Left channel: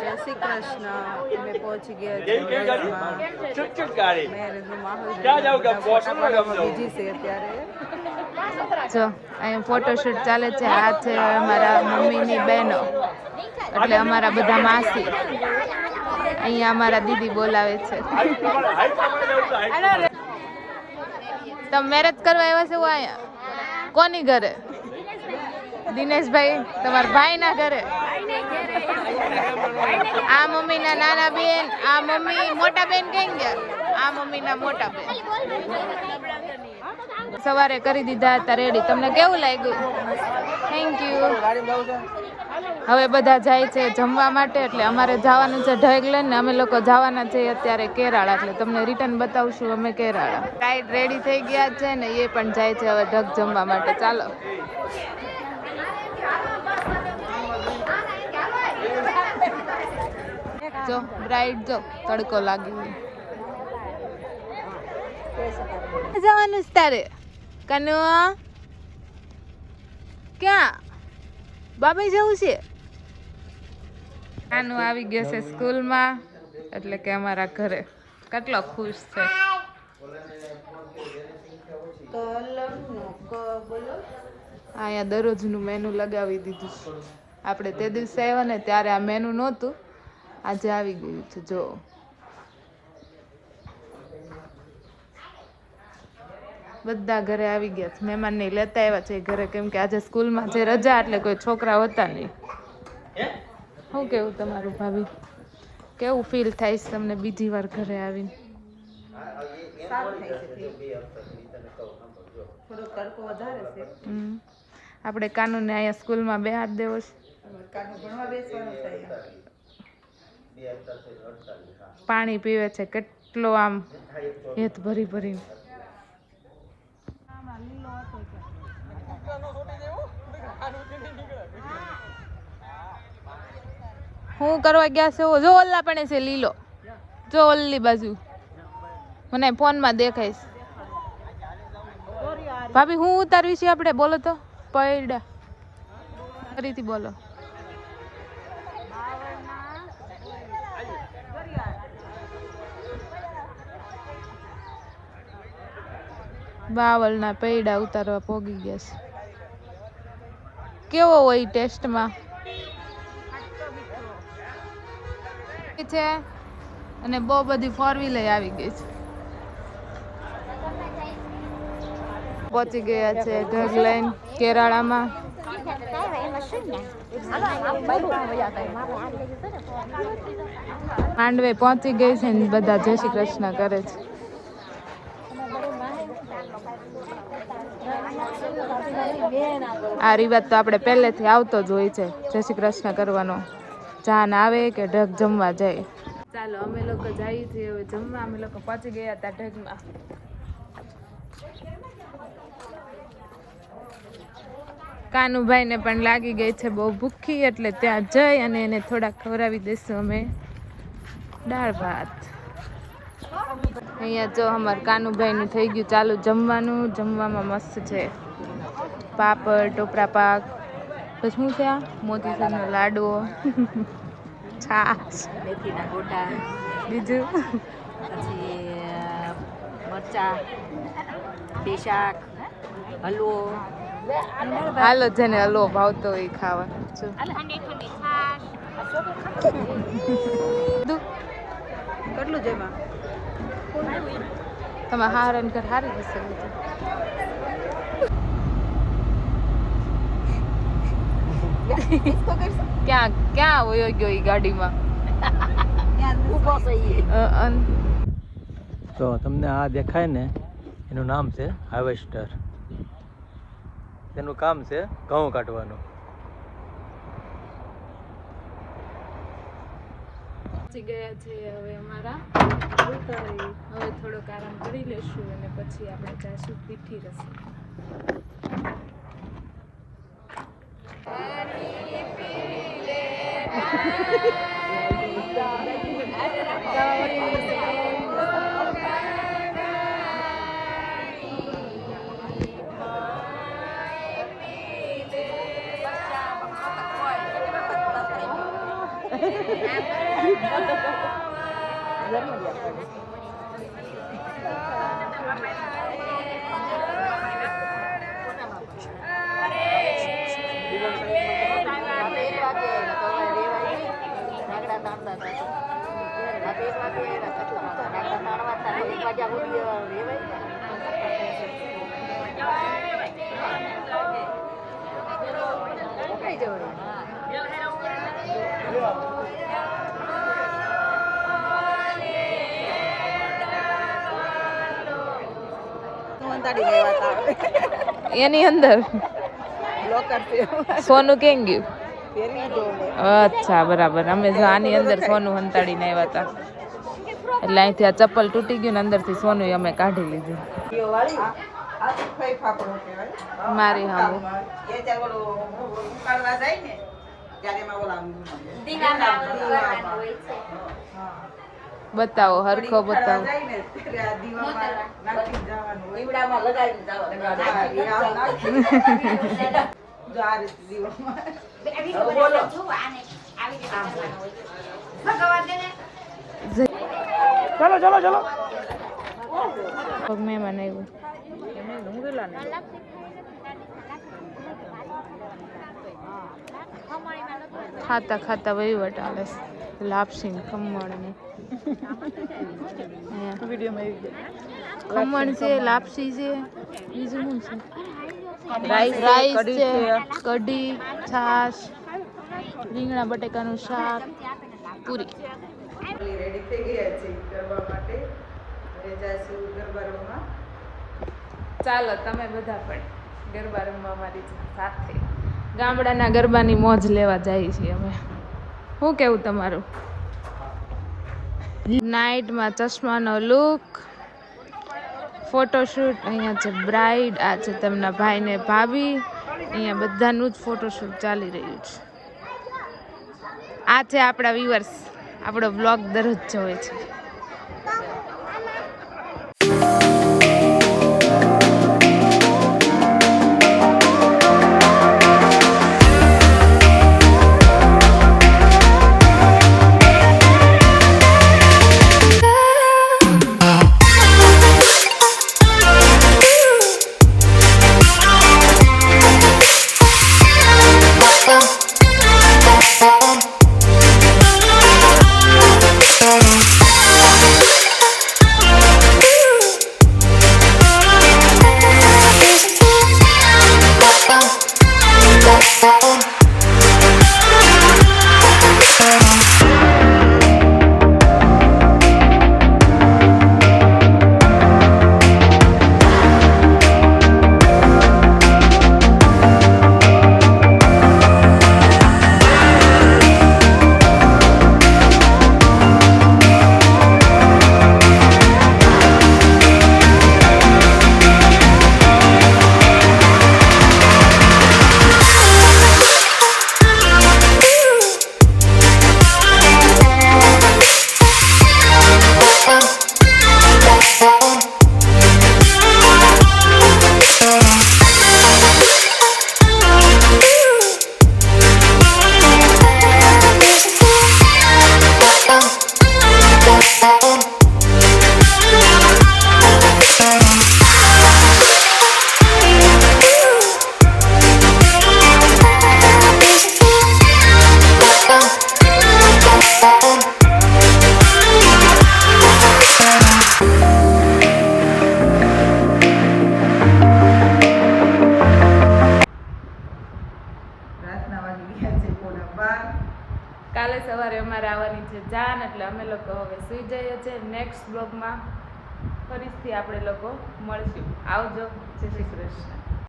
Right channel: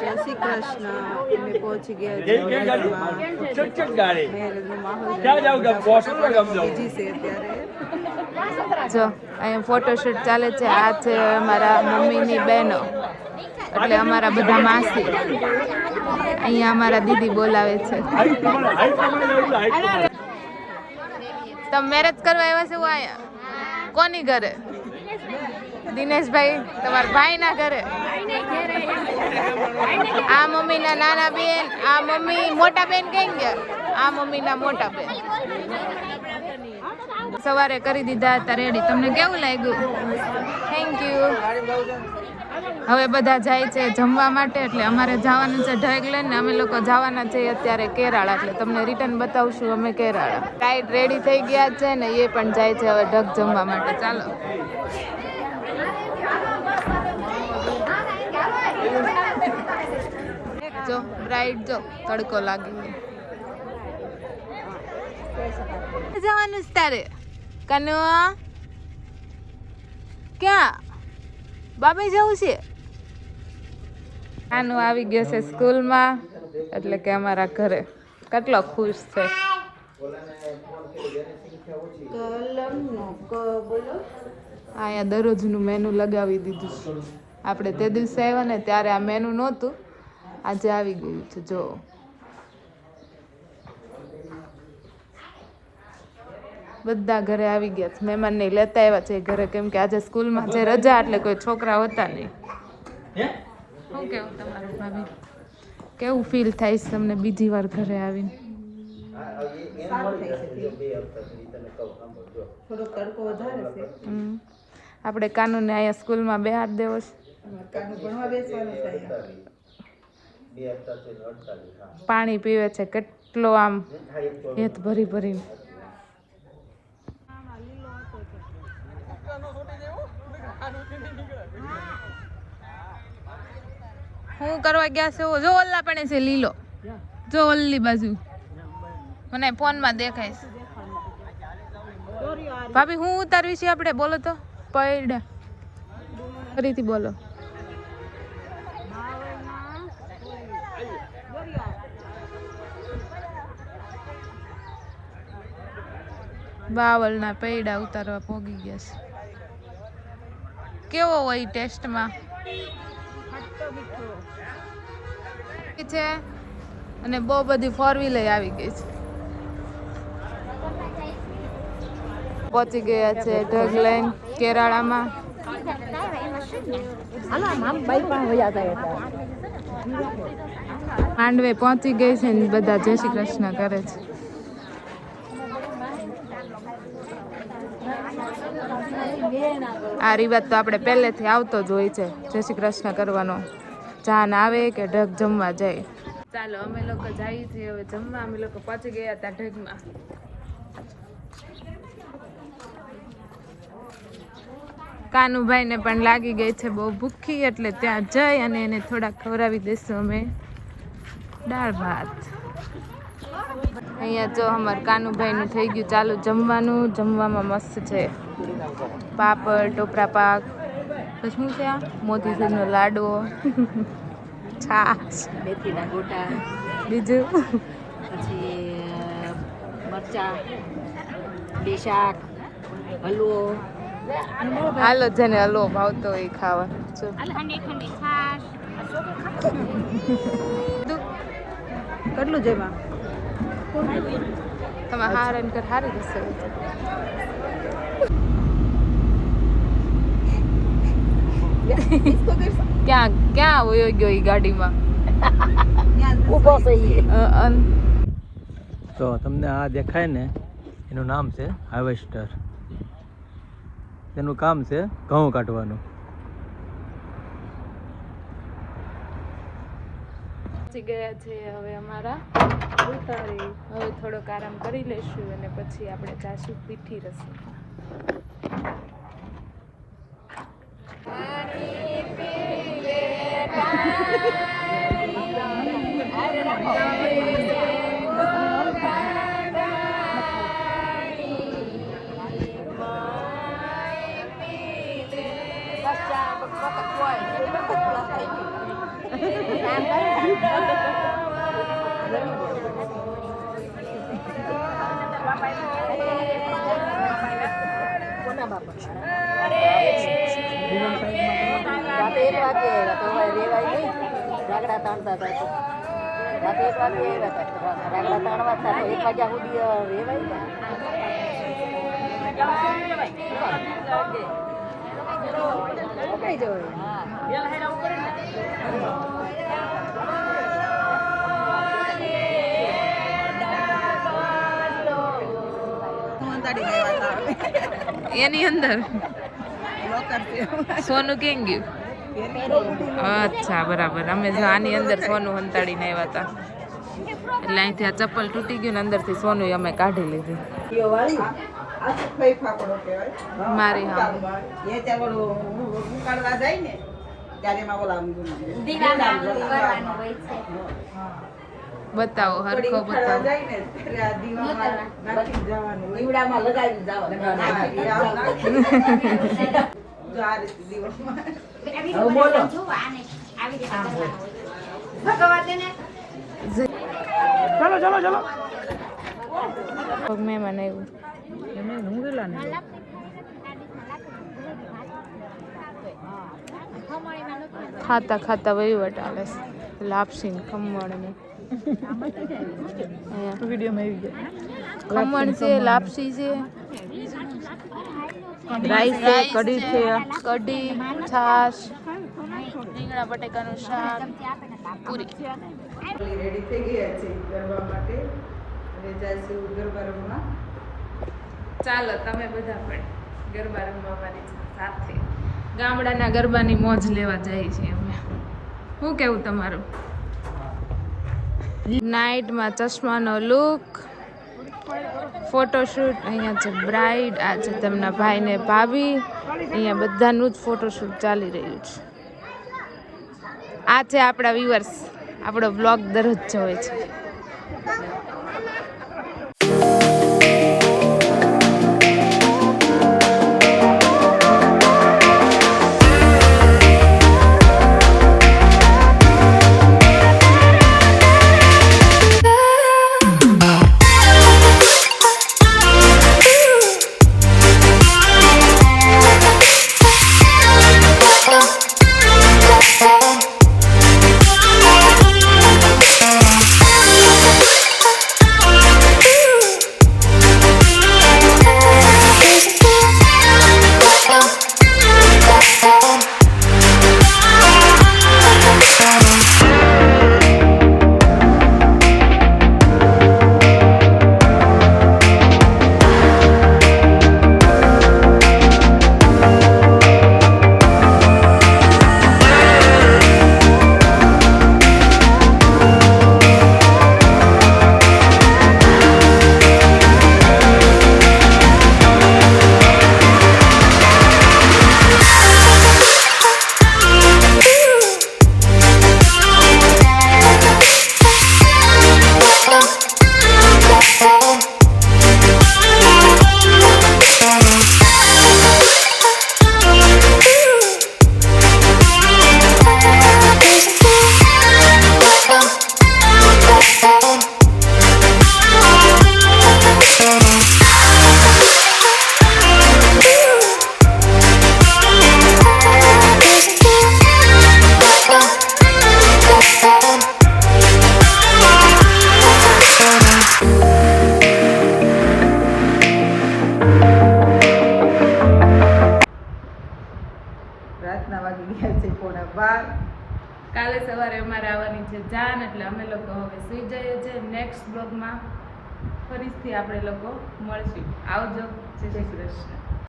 જય શ્રી કૃષ્ણ. અમે પહોંચી ગયા છીએ મેરેજમાં. મેરેજનો માહોલ બધા ફોટા પાડવામાં બીજી છે અત્યારે. જો અહીંયા ફોટોશૂટ ચાલે છે. આ છે અમારા મમ્મીની બહેનો, એટલે અમારા બધા માસી. અહીંયા અમારા દીદી બોલાવે છે. તમે મેરેજ કરવા આવ્યા છો અહીંયા? કોની ઘરે? દિનેશભાઈ, તમારા ભાઈ ના ઘરે. આ મમ્મી ના નાના બેન, આ મમ્મી મોટા બેન કઈ ગયા? આ મમ્મી ના મોટા બેન. સવારે કરી દીધા હતા રેડી. તમને કેવું લાગ્યું? Thank you. હવે બધા જાય છે જમવા માટે, એટલે અમારે જવાનું છે ઢગલેન ને અમે લોકો જવાના છે અત્યારે કેરાળા, એટલે તમને રિટર્ન બતાવશું અમે કેરાળા. ટાઈટ રેડી થઈ ગયા છે ને એ પણ જાય છે હવે ઢગ જમવા માટે. ચાલો જો બ્રાઇડ જો તડકો લાગી. જવાનું છે તારે કનુ? ક્યાં બાબા જવું છે? આનું આવી ગયો છે સ્કૂલમાં, એટલે કે અમારા ઘરે. કેટલો ખુશ છે. અહીંયા દરરોજનું મેનુ લગાવી દીધું છે. આપણે તે દિવસે આવ્યા ને ત્યારે આ મેનુ નહોતું, આજે આવી ગયું છે. જો બધા ઘરે આવી ગયા છે. મહેમાનને લેતા આવ્યા છે ઘરે, કેમ કે આજે સ્કૂલમાં જે રજા એટલે કોઈ છોકરા હોતા નહીં. શું કેવું તમારું ભાભી? કેવું ફીલ થાય છે તમને બીજી વાર ઘરે આવીને? આપણે કાનૂને અહીંયા સ્કૂલમાં બે હાથ દેવો છે. પાણી પીવે છે કેટલો આમ હેત ભરી ભરીને. હું કરવા ગયા છે? જો ઓલ્લા પણ છે લીલો, જો ઓલ્લી બાજુ મને ફોનમાં દેખાય છે. ભાભી હું ઉતારવી છે આપણે? બોલો તો પૈડા ફરીથી બોલો. બાવળના પૈડા ઉતારવા પોગી ગયા છે. કેવો હોય ટેસ્ટમાં? છે અને બહુ બધી ફોર વ્હીલ આવી ગઈ છે. પહોંચી ગયા છે ઢગલાઈન કેરાળામાં. માંડવે પહોંચી ગઈ છે ને બધા જય શ્રી કૃષ્ણ કરે છે. આ રિવાજ તો આપણે પહેલેથી આવતો જ હોય છે, જય શ્રી કૃષ્ણ કરવાનો. જાન આવે કે ઢગ જમવા જાય. ચાલો અમે લોકો જઈએ છીએ હવે જમવા. અમે લોકો પહોંચી ગયા હતા ઢગમાં. કાનુભાઈ ને પણ લાગી ગઈ છે બહુ ભૂખી, એટલે ત્યાં જઈ અને એને થોડાક ખવડાવી દઈશું અમે દાળ ભાત. અહીંયા જો અમારે કાનુભાઈ નું થઈ ગયું ચાલુ જમવાનું. જમવામાં મસ્ત છે પાપડ, ટોપરા પાક, પછી શું છે આ મોતીચૂરનો લાડવો, છાશ, મેથીના ગોટા, બીજું પછી મરચા, બે શાક, હલવો. હાલો જેને હલવો ભાવતો હોય ખાવા. કેટલું જેમાં તમે હારણ કર હારી જશે. ક્યાં ક્યાં વયો ગયો એ ગાડીમાં? તો તમને આ દેખાય ને એનું નામ છે હાર્વેસ્ટર. એનું કામ છે ઘઉં કાઢવાનું. પહોંચી ગયા છે હવે અમારા ઉતારી. હવે થોડોક આરામ કરી લઈશું અને પછી આપણે જાશું પીઠી રસમ. એની અંદર સોનું કેમ ગયું? અચ્છા બરાબર. અમે જો આની અંદર સોનું હંતાડીને આવ્યા હતા એટલે અહીંથી આ ચપ્પલ તૂટી ગયું ને અંદરથી સોનું અમે કાઢી લીધું. મારી હામું બતાવો, હરખો બતાવો. મહેમાન આવ્યું. ખાતા ખાતા વહીવટ હાલે છે. લાપસી ને ખમણ ને ખમણ છે, લાપસી છે, રાઈસ છે, કઢી, છાશ, રીંગણા બટેકાનું શાક, પૂરી. રેડી થઈ ગયા છે ગરબા માટે. હવે જઈશું ગરબા રમવા. ચાલો તમે બધા પણ ગરબા રમવા મારી સાથે ગામડાના ગરબાની મોજ લેવા જાય છે અમે. શું કેવું તમારું? નાઇટમાં ચશ્માનો લુક, ફોટોશૂટ. અહીંયા છે બ્રાઇડ, આ છે તેમના ભાઈ ને ભાભી. અહીંયા બધાનું જ ફોટોશૂટ ચાલી રહ્યું છે. આ છે આપણા વ્યુઅર્સ. આપણો બ્લોગ દરરોજ જોવે છે. કાલે સવારે અમારે આવવાની છે જાન, એટલે અમે લોકો હવે સુઈ જઈએ છીએ. નેક્સ્ટ બ્લોગમાં ફરીથી આપણે લોકો મળશું. આવજો. જય શ્રી કૃષ્ણ.